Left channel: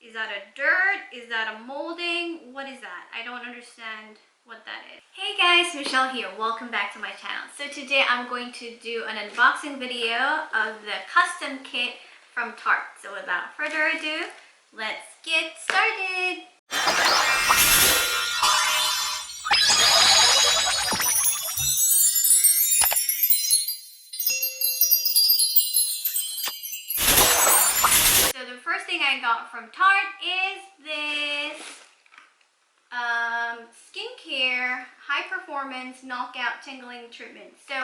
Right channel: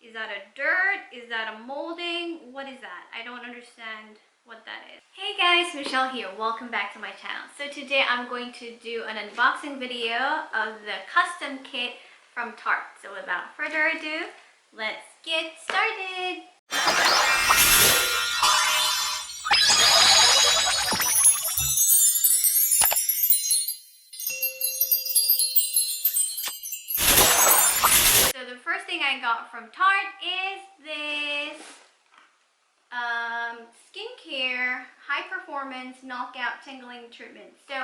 Is that a dirt? Is that a molding? What is that? I don't understand what that is. Hey guys, Michelle here. Welcome back to my channel. So today I'm going to do an unboxing video of the custom kit from Tarte. So without further ado, let's get started. So the first thing I got from Tarte is this skincare high performance knockout tingling treatment. So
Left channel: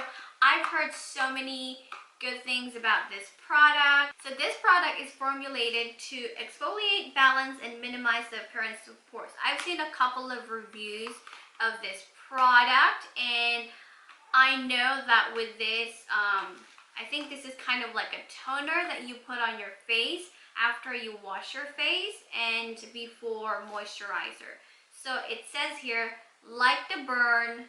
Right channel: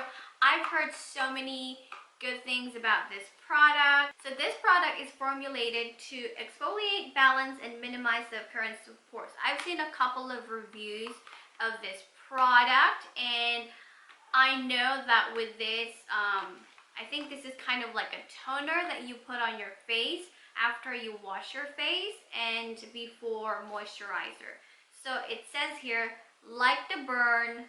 I've heard so many good things about this product. So this product is formulated to exfoliate, balance, and minimize the appearance of pores. I've seen a couple of reviews of this product, and I know that with this, I think this is kind of like a toner that you put on your face after you wash your face and before moisturizer. So it says here, like the burn,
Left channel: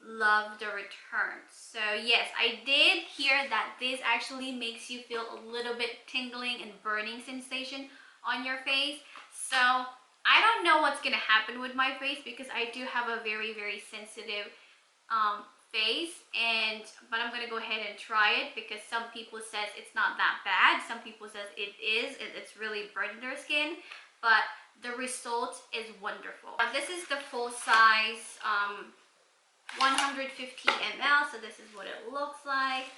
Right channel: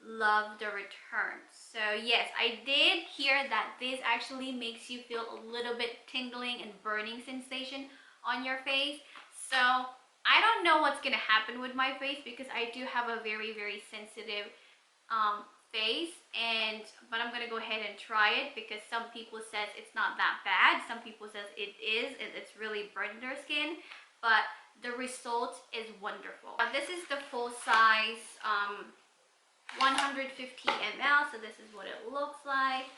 love the return. So yes, I did hear that this actually makes you feel a little bit tingling and burning sensation on your face. So I don't know what's gonna happen with my face because I do have a very, very sensitive face, but I'm gonna go ahead and try it because some people says it's not that bad, some people says it is, it's really burning their skin, but the result is wonderful. This is the full size 150 ml, so this is what it looks like.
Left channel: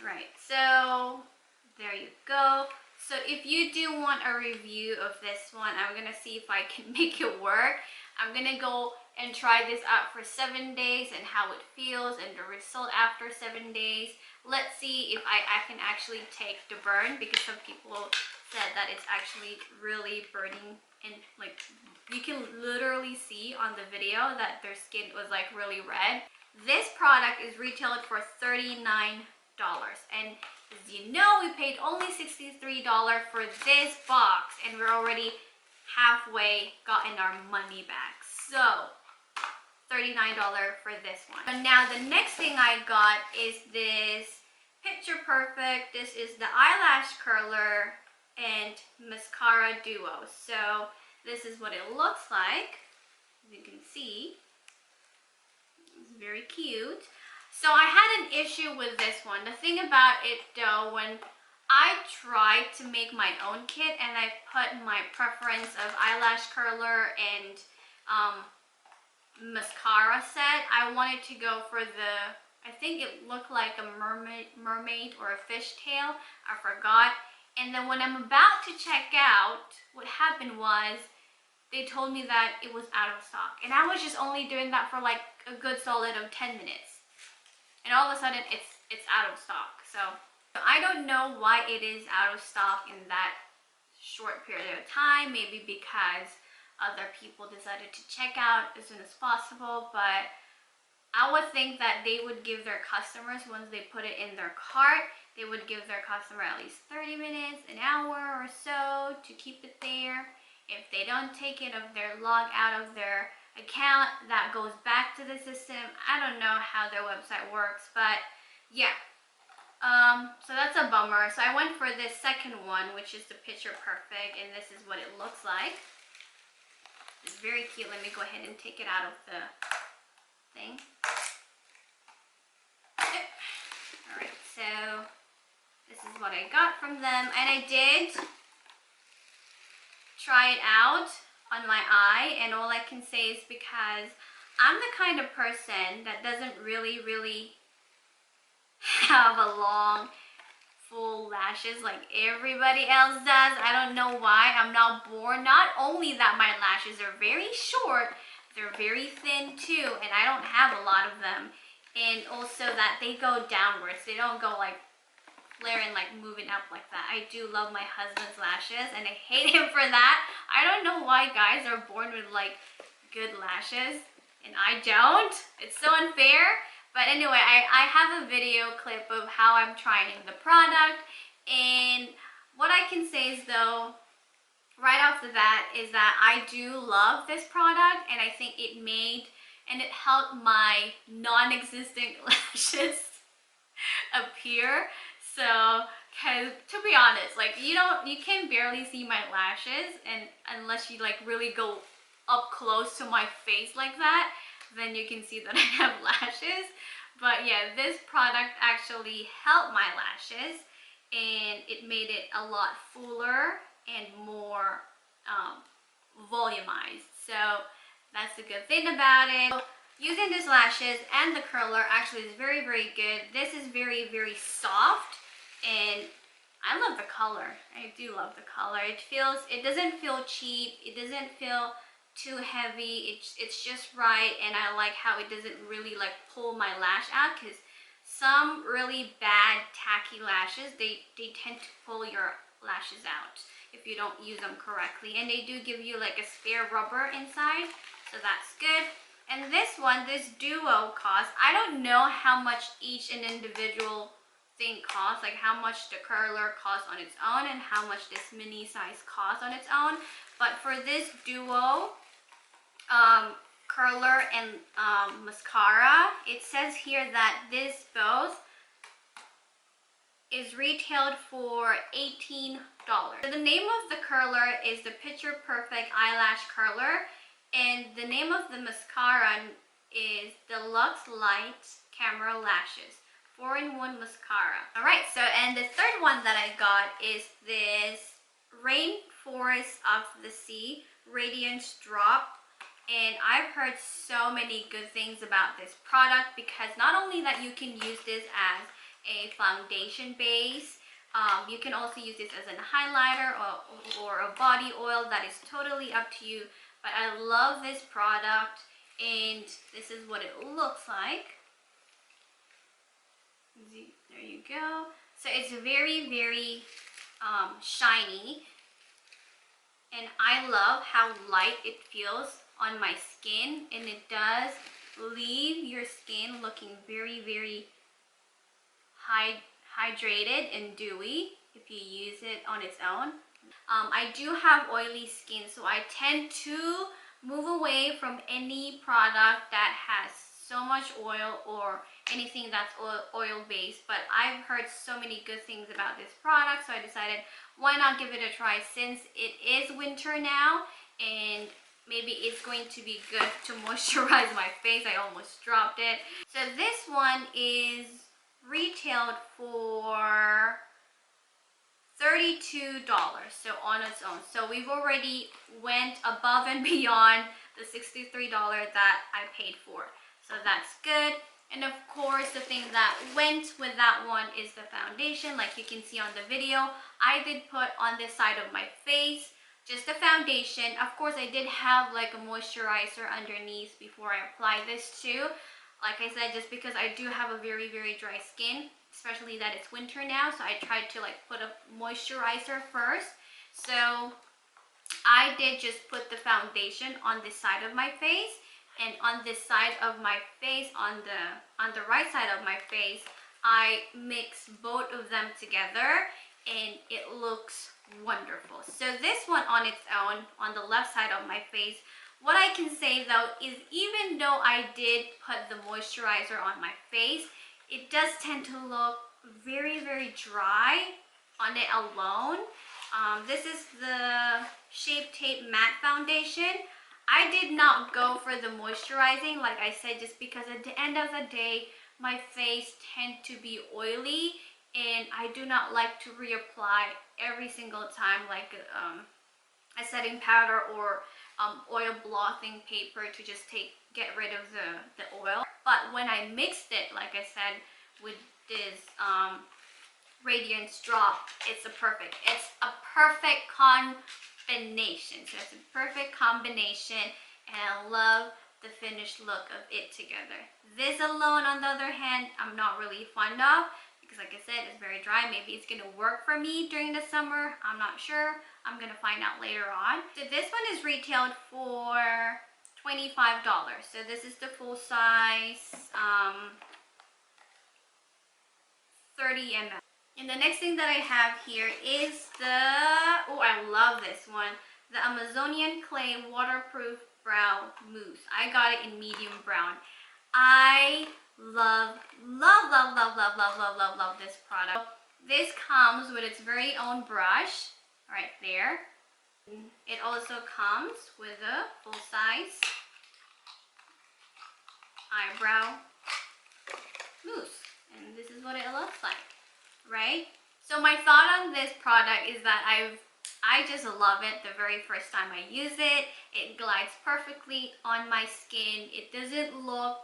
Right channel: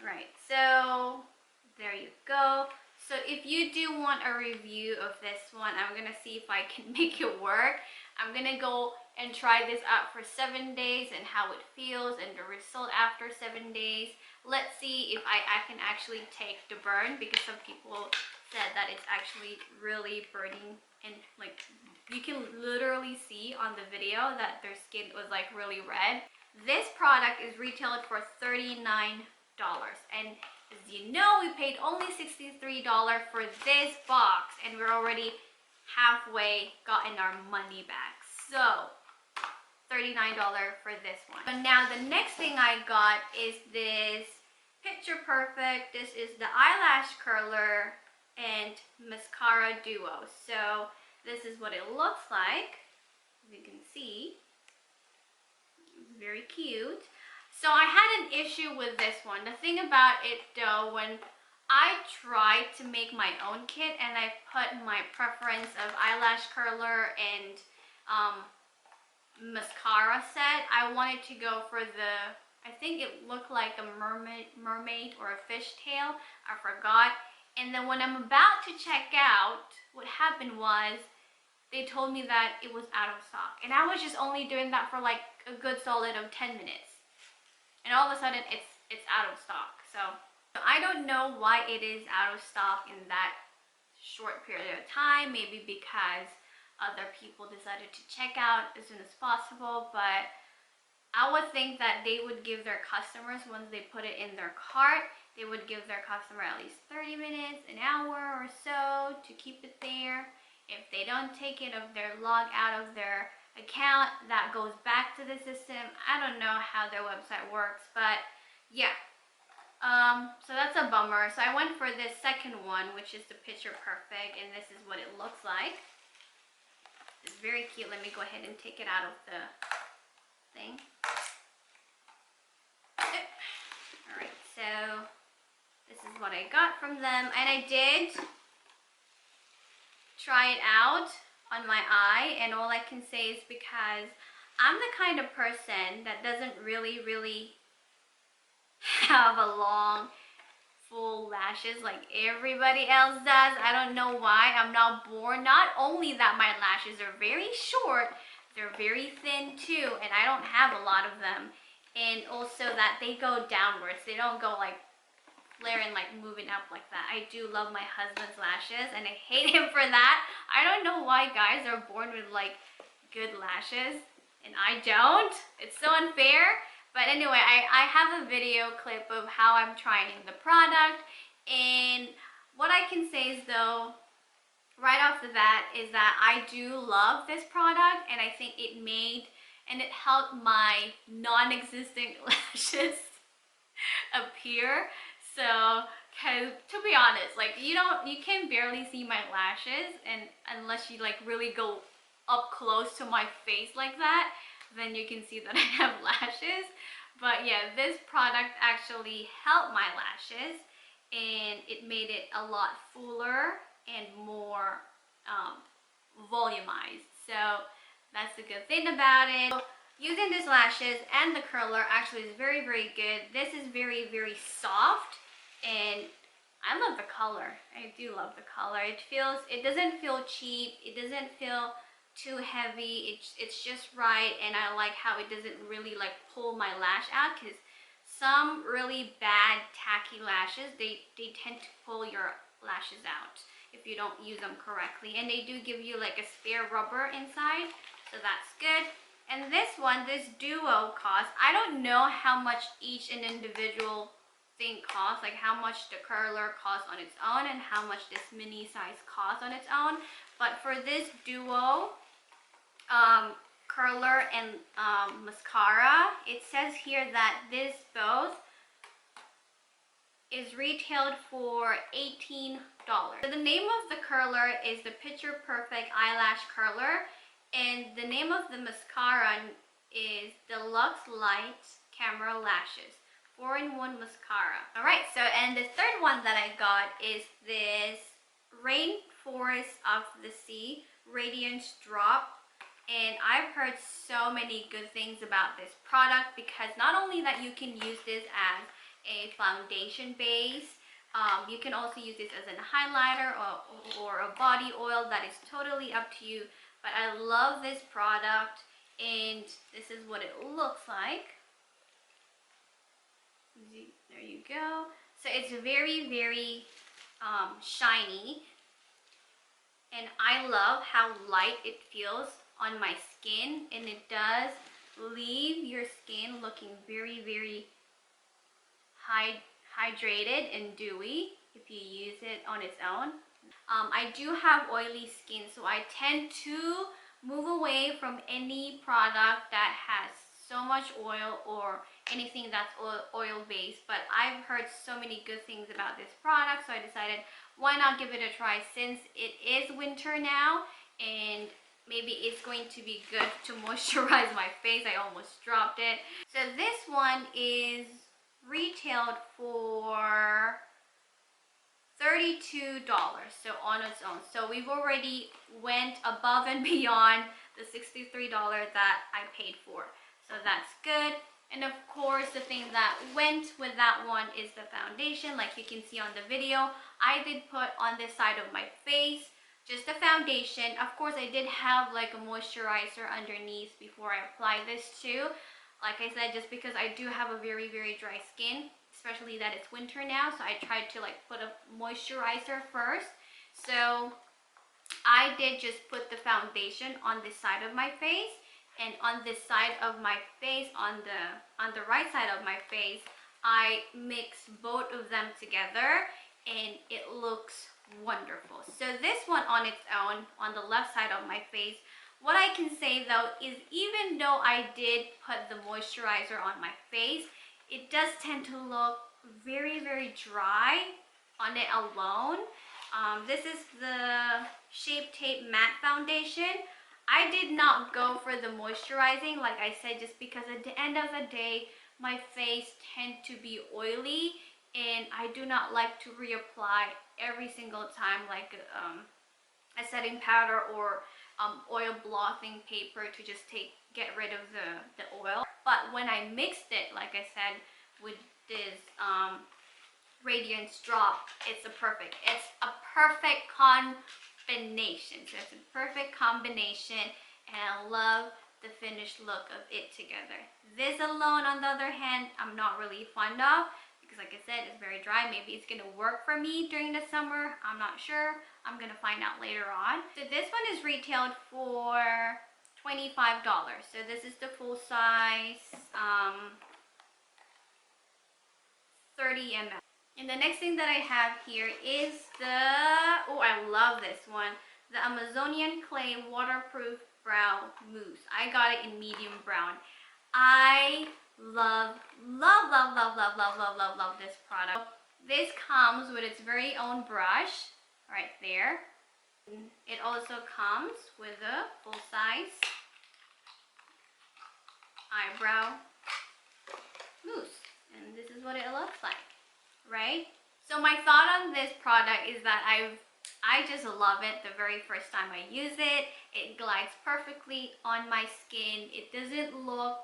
Right, so there you go. So if you do want a review of this one, I'm gonna see if I can make it work. I'm gonna go and try this out for 7 days and how it feels and the result after 7 days. Let's see if I can actually take the burn, because some people said that it's actually really burning, and like you can literally see on the video that their skin was like really red. This product is retailed for $39, and as you know, we paid only $63 for this box, and we're already halfway gotten our money back. So $39 for this one. But now the next thing I got is this Picture Perfect. This is the eyelash curler and mascara duo. So this is what it looks like. As you can see, it's very cute. So I had an issue with this one. The thing about it though, when I tried to make my own kit and I put my preference of eyelash curler and mascara set, I wanted to go for the, I think it looked like a mermaid or a fishtail, I forgot. And then when I'm about to check out, what happened was they told me that it was out of stock, and I was just only doing that for like a good solid of 10 minutes. And all of a sudden it's out of stock. So I don't know why it is out of stock in that short period of time. Maybe because other people decided to check out as soon as possible, but I would think that they would give their customers, once they put it in their cart, they would give their customer at least 30 minutes, an hour or so to keep it there. If they don't take it, if they're logged out of their account, that goes back to the system. I don't know how their website works, but yeah. So that's a bummer. So I went for this second one, which is the Picture Perfect, and this is what it looks like. It's very cute. Let me go ahead and take it out of the thing. Alright, so this is what I got from them, and I did try it out on my eye, and all I can say is because I'm the kind of person that doesn't really have a long full lashes like everybody else does. I don't know why. I'm not born. Not only that my lashes are very short, they're very thin too, and I don't have a lot of them, and also that they go downwards. They don't go like flaring, like moving up like that. I do love my husband's lashes, and I hate him for that. I don't know why guys are born with like good lashes and I don't. It's so unfair. But anyway, I have a video clip of how I'm trying the product, and what I can say is though, right off the bat, is that I do love this product, and I think it made and it helped my non-existent lashes appear. So Cause to be honest, like you can barely see my lashes, and unless you like really go up close to my face like that, then you can see that I have lashes. But yeah, this product actually helped my lashes, and it made it a lot fuller and more volumized. So that's the good thing about it. So, using these lashes and the curler actually is very, very good. This is very, very soft, and I love the color. I do love the color. It doesn't feel cheap. It doesn't feel too heavy. It's just right, and I like how it doesn't really like pull my lash out, because some really bad tacky lashes, they tend to pull your lashes out if you don't use them correctly. And they do give you like a spare rubber inside, so that's good. And this one, this duo costs, I don't know how much each and individual thing costs, like how much the curler costs on its own and how much this mini size costs on its own. But for this duo curler and mascara, it says here that this both is retailed for $18. So the name of the curler is the Picture Perfect Eyelash Curler, and the name of the mascara is Deluxe Light Camera Lashes 4-in-1 mascara. All right, so and the third one that I got is this Rainforest of the Sea Radiance Drop. And I've heard so many good things about this product, because not only that you can use this as a foundation base, you can also use this as a highlighter or a body oil. That is totally up to you. But I love this product, and this is what it looks like. There you go. So it's very, very shiny, and I love how light it feels on my skin, and it does leave your skin looking very, very hydrated and dewy if you use it on its own. I do have oily skin, so I tend to move away from any product that has so much oil or anything that's oil based. But I've heard so many good things about this product, so I decided why not give it a try, since it is winter now and maybe it's going to be good to moisturize my face. I almost dropped it. So this one is retailed for $32, so on its own. So we've already went above and beyond the $63 that I paid for. So that's good. And of course, the thing that went with that one is the foundation. Like you can see on the video, I did put on this side of my face just the foundation. Of course, I did have like a moisturizer underneath before I applied this too. Like I said, just because I do have a very, very dry skin, especially that it's winter now, so I tried to like put a moisturizer first. So I did just put the foundation on this side of my face, and on this side of my face, on the right side of my face, I mix both of them together, and it looks wonderful. So this one on its own, on the left side of my face, what I can say though is, even though I did put the moisturizer on my face, it does tend to look very, very dry on it alone. This is the Shape Tape Matte Foundation. I did not go for the moisturizing, like I said, just because at the end of the day, my face tends to be oily, and I do not like to reapply every single time like a setting powder or oil blotting paper to just get rid of the oil. But when I mixed it, like I said, with this Radiance Drop, it's a perfect combination. So it's a perfect combination, and I love the finished look of it together. This alone, on the other hand, I'm not really fond of, because like I said, it's very dry. Maybe it's gonna work for me during the summer, I'm not sure. I'm gonna find out later on. So this one is retailed for $25. So this is the full size 30 ml. And the next thing that I have here is oh, I love this one, the Amazonian Clay Waterproof Brow Mousse. I got it in medium brown. I love this product. This comes with its very own brush right there. It also comes with a full-size eyebrow mousse, and this is what it looks like, right? So my thought on this product is that I just love it the very first time I use it. It glides perfectly on my skin. It doesn't look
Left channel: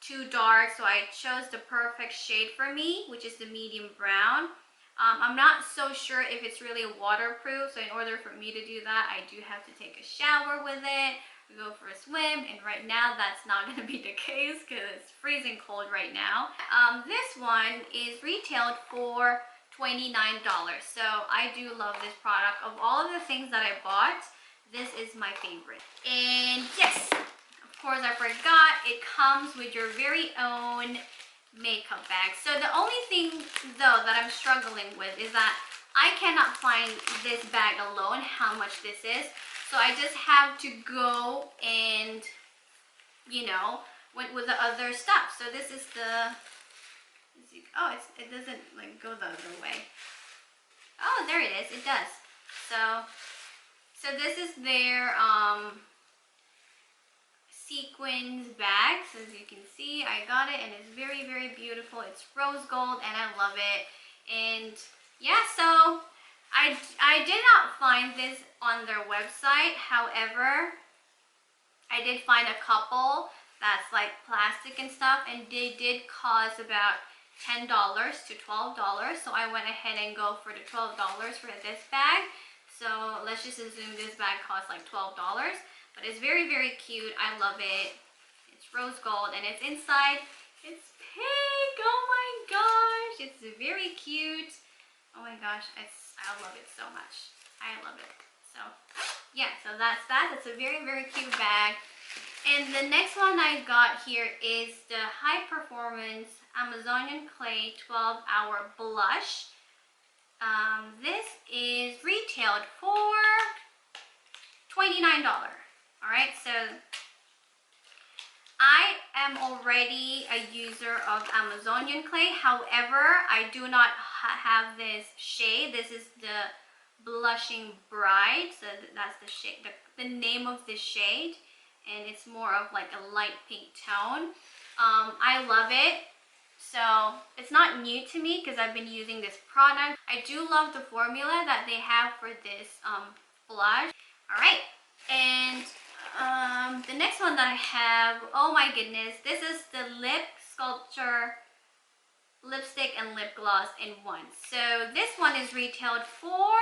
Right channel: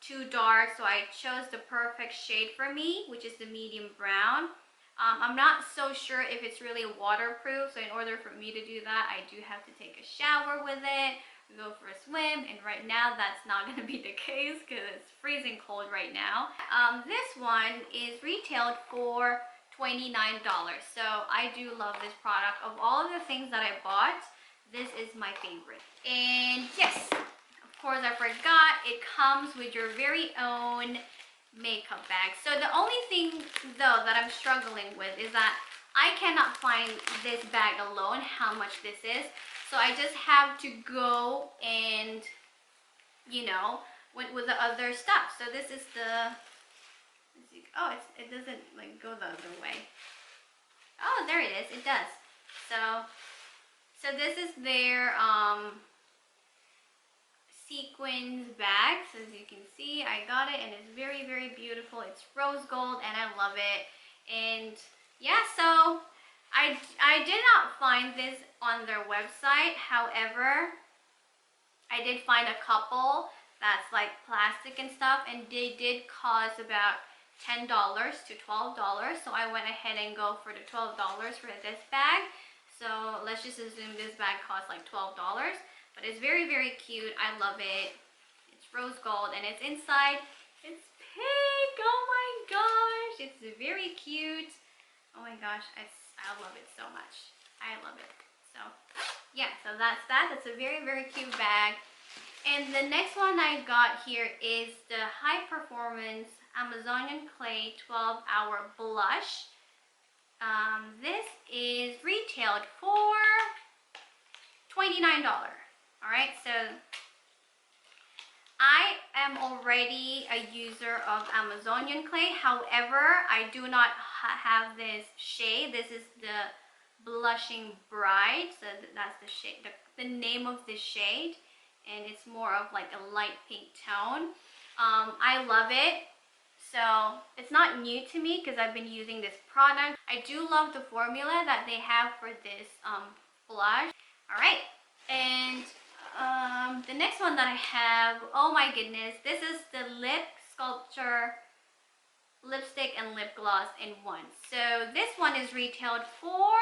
too dark, so I chose the perfect shade for me, which is the medium brown. I'm not so sure if it's really waterproof, so in order for me to do that, I do have to take a shower with it, go for a swim, and right now that's not going to be the case because it's freezing cold right now. This one is retailed for $29, so I do love this product. Of all of the things that I bought, this is my favorite. And yes, of course I forgot, it comes with your very own makeup bag. So the only thing though that I'm struggling with is that I cannot find this bag alone, how much this is. So I just have to go and, you know, with the other stuff. So this is the, oh, it doesn't like go the other way. Oh, there it is, it does. So this is their sequins bags. As you can see, I got it and it's very, very beautiful. It's rose gold and I love it. And yeah, so I did not find this on their website. However, I did find a couple that's like plastic and stuff, and they did cost about $10 to $12. So I went ahead and go for the $12 for this bag. So let's just assume this bag costs like $12. But it's very, very cute. I love it. It's rose gold and it's inside. It's pink. Oh my gosh. It's very cute. Oh my gosh. I love it so much. I love it. So yeah, so that's that. It's a very, very cute bag. And the next one I got here is the High Performance Amazonian Clay 12-Hour Blush. This is retailed for $29. Alright, so I am already a user of Amazonian clay. However, I do not have this shade. This is the Blushing Bride. So that's the shade, the name of this shade. And it's more of like a light pink tone. I love it. So it's not new to me because I've been using this product. I do love the formula that they have for this blush. Alright, and the next one that I have, oh my goodness, this is the Lip Sculpture lipstick and lip gloss in one. So this one is retailed for,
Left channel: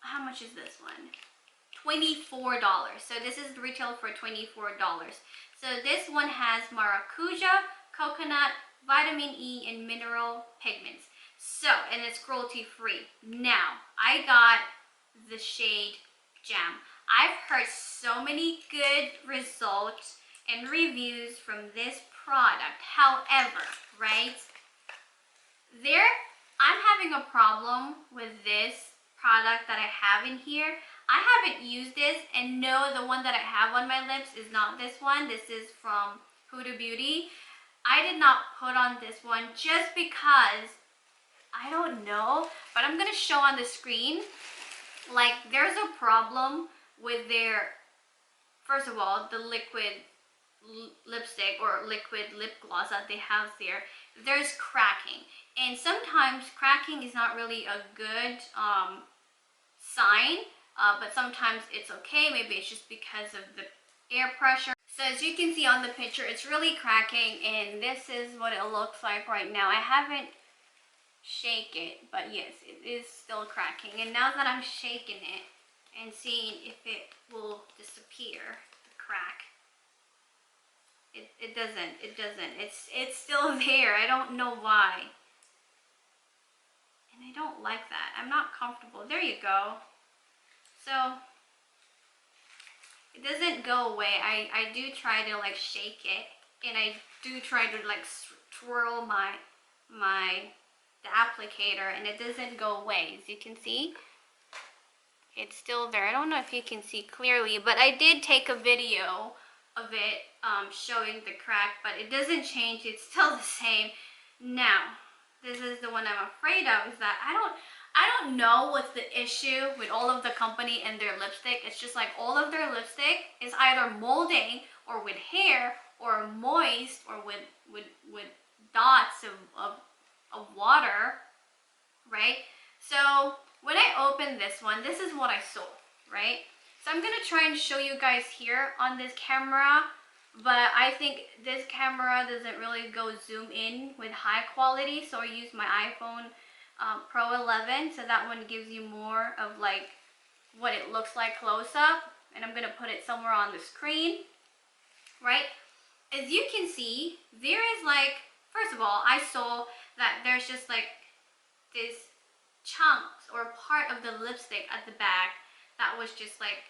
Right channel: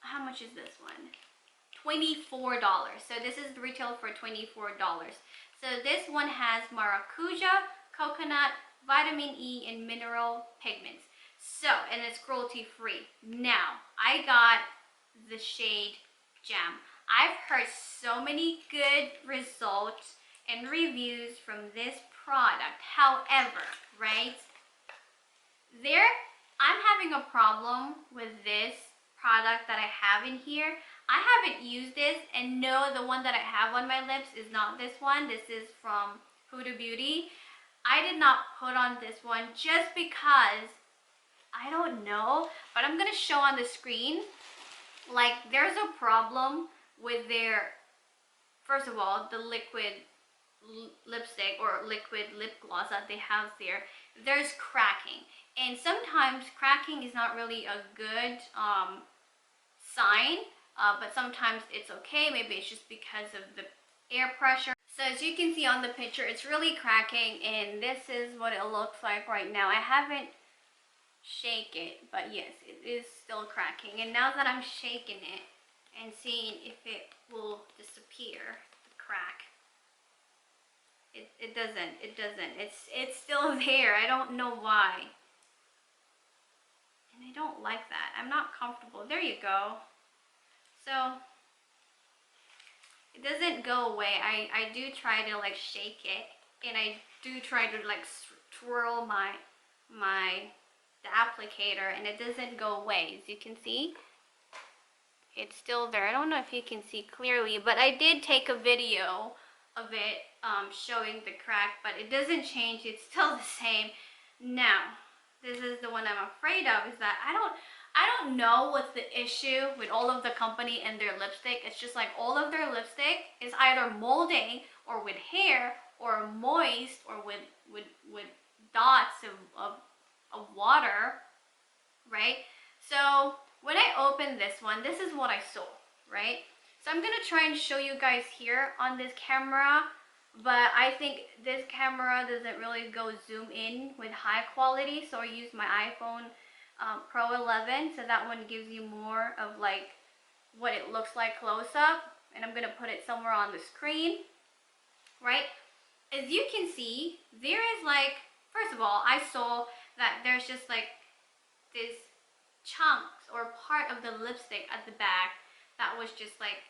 how much is this one? $24. So this is retailed for $24. So this one has maracuja, coconut, vitamin E, and mineral pigments. So, and it's cruelty free. Now, I got the shade Jam. I've heard so many good results and reviews from this product. However, right, I'm having a problem with this product that I have in here. I haven't used this, and no, the one that I have on my lips is not this one. This is from Huda Beauty. I did not put on this one just because, I don't know, but I'm gonna show on the screen. Like, there's a problem with their, first of all, the liquid lipstick or liquid lip gloss that they have there. There's cracking, and sometimes cracking is not really a good sign, but sometimes it's okay. Maybe it's just because of the air pressure. So as you can see on the picture, it's really cracking, and this is what it looks like right now. I haven't shake it, but yes, it is still cracking. And now that I'm shaking it and seeing if it will disappear, the crack, it doesn't. It's still there. I don't know why, and I don't like that. I'm not comfortable. There you go. So it doesn't go away. I do try to like shake it, and I do try to like twirl the applicator, and it doesn't go away. As you can see, it's still there. I don't know if you can see clearly, but I did take a video of it showing the crack, but it doesn't change. It's still the same. Now, this is the one I'm afraid of, is that I don't know what's the issue with all of the company and their lipstick. It's just like all of their lipstick is either molding or with hair or moist or with dots of water, right? So when I opened this one, this is what I saw, right? So I'm gonna try and show you guys here on this camera, but I think this camera doesn't really go zoom in with high quality, so I use my iPhone Pro 11, so that one gives you more of like what it looks like close up, and I'm gonna put it somewhere on the screen, right? As you can see, there is like, first of all, I saw that there's just like this chunks or part of the lipstick at the back that was just like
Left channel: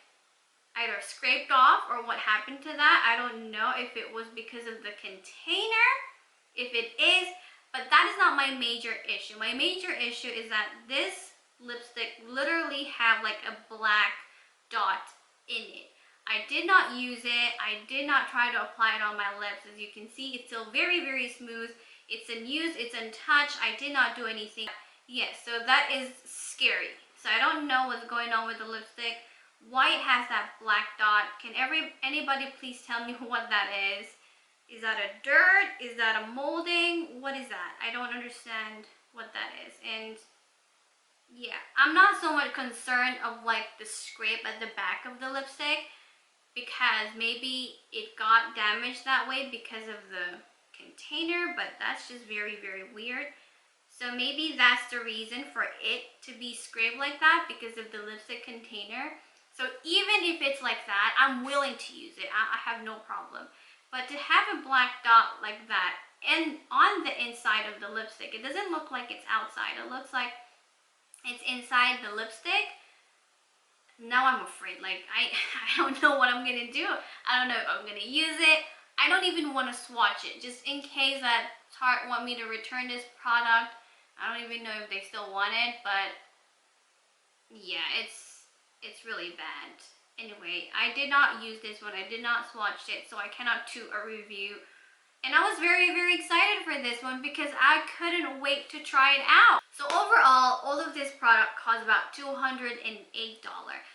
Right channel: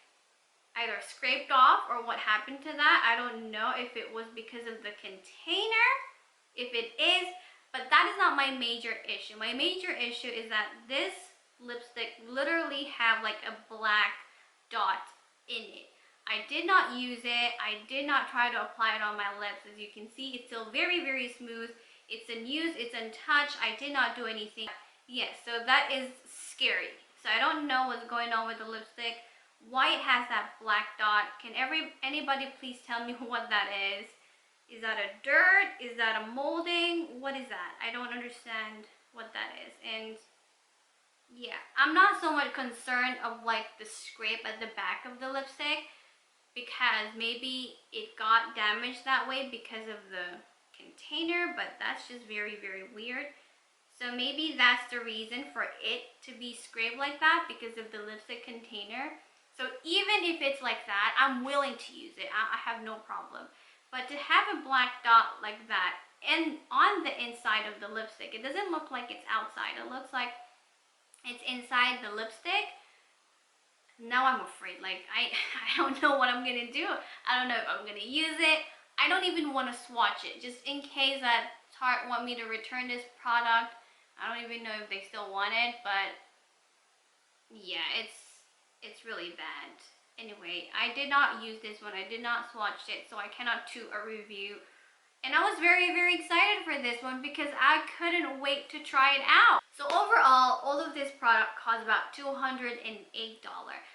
either scraped off or what happened to that. I don't know if it was because of the container, if it is, but that is not my major issue. My major issue is that this lipstick literally have like a black dot in it. I did not use it. I did not try to apply it on my lips. As you can see, it's still very, very smooth. It's unused, it's untouched. I did not do anything. Yes, so that is scary. So I don't know what's going on with the lipstick. Why it has that black dot? Can anybody please tell me what that is? Is that a dirt? Is that a molding? What is that? I don't understand what that is. And yeah, I'm not so much concerned of like the scrape at the back of the lipstick, because maybe it got damaged that way because of the container, but that's just very, very weird. So maybe that's the reason for it to be scraped like that, because of the lipstick container. So even if it's like that, I'm willing to use it. I have no problem. But to have a black dot like that and on the inside of the lipstick, it doesn't look like it's outside. It looks like it's inside the lipstick. Now I'm afraid. Like I don't know what I'm gonna do. I don't know if I'm gonna use it. I don't even want to swatch it, just in case that Tarte want me to return this product. I don't even know if they still want it, but yeah, it's really bad. Anyway, I did not use this one. I did not swatch it, so I cannot do a review. And I was very, very excited for this one because I couldn't wait to try it out. So overall, all of this product cost about $208.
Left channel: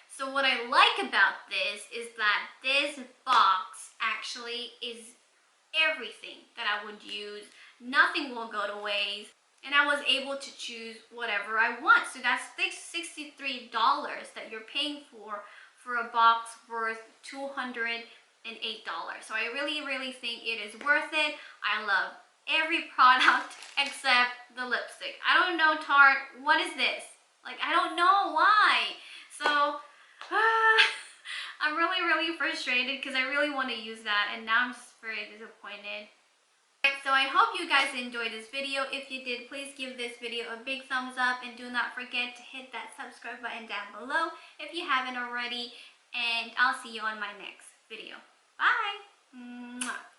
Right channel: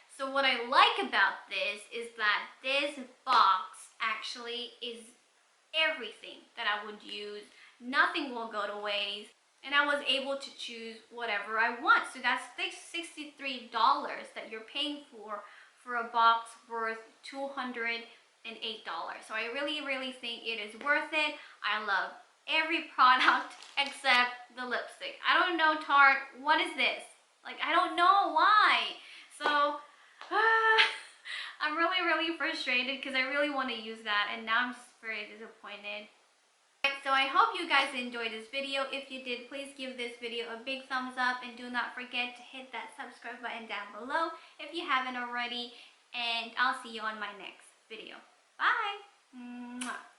So what I like about this is that this box actually is everything that I would use. Nothing will go to waste. And I was able to choose whatever I want. So that's $63 that you're paying for a box worth $208. So I really, really think it is worth it. I love every product except the lipstick. I don't know, Tarte, what is this? Like, I don't know why. So I'm really, really frustrated because I really want to use that, and now I'm just very disappointed. So I hope you guys enjoyed this video. If you did, please give this video a big thumbs up, and do not forget to hit that subscribe button down below if you haven't already, and I'll see you on my next video. Bye! Mwah.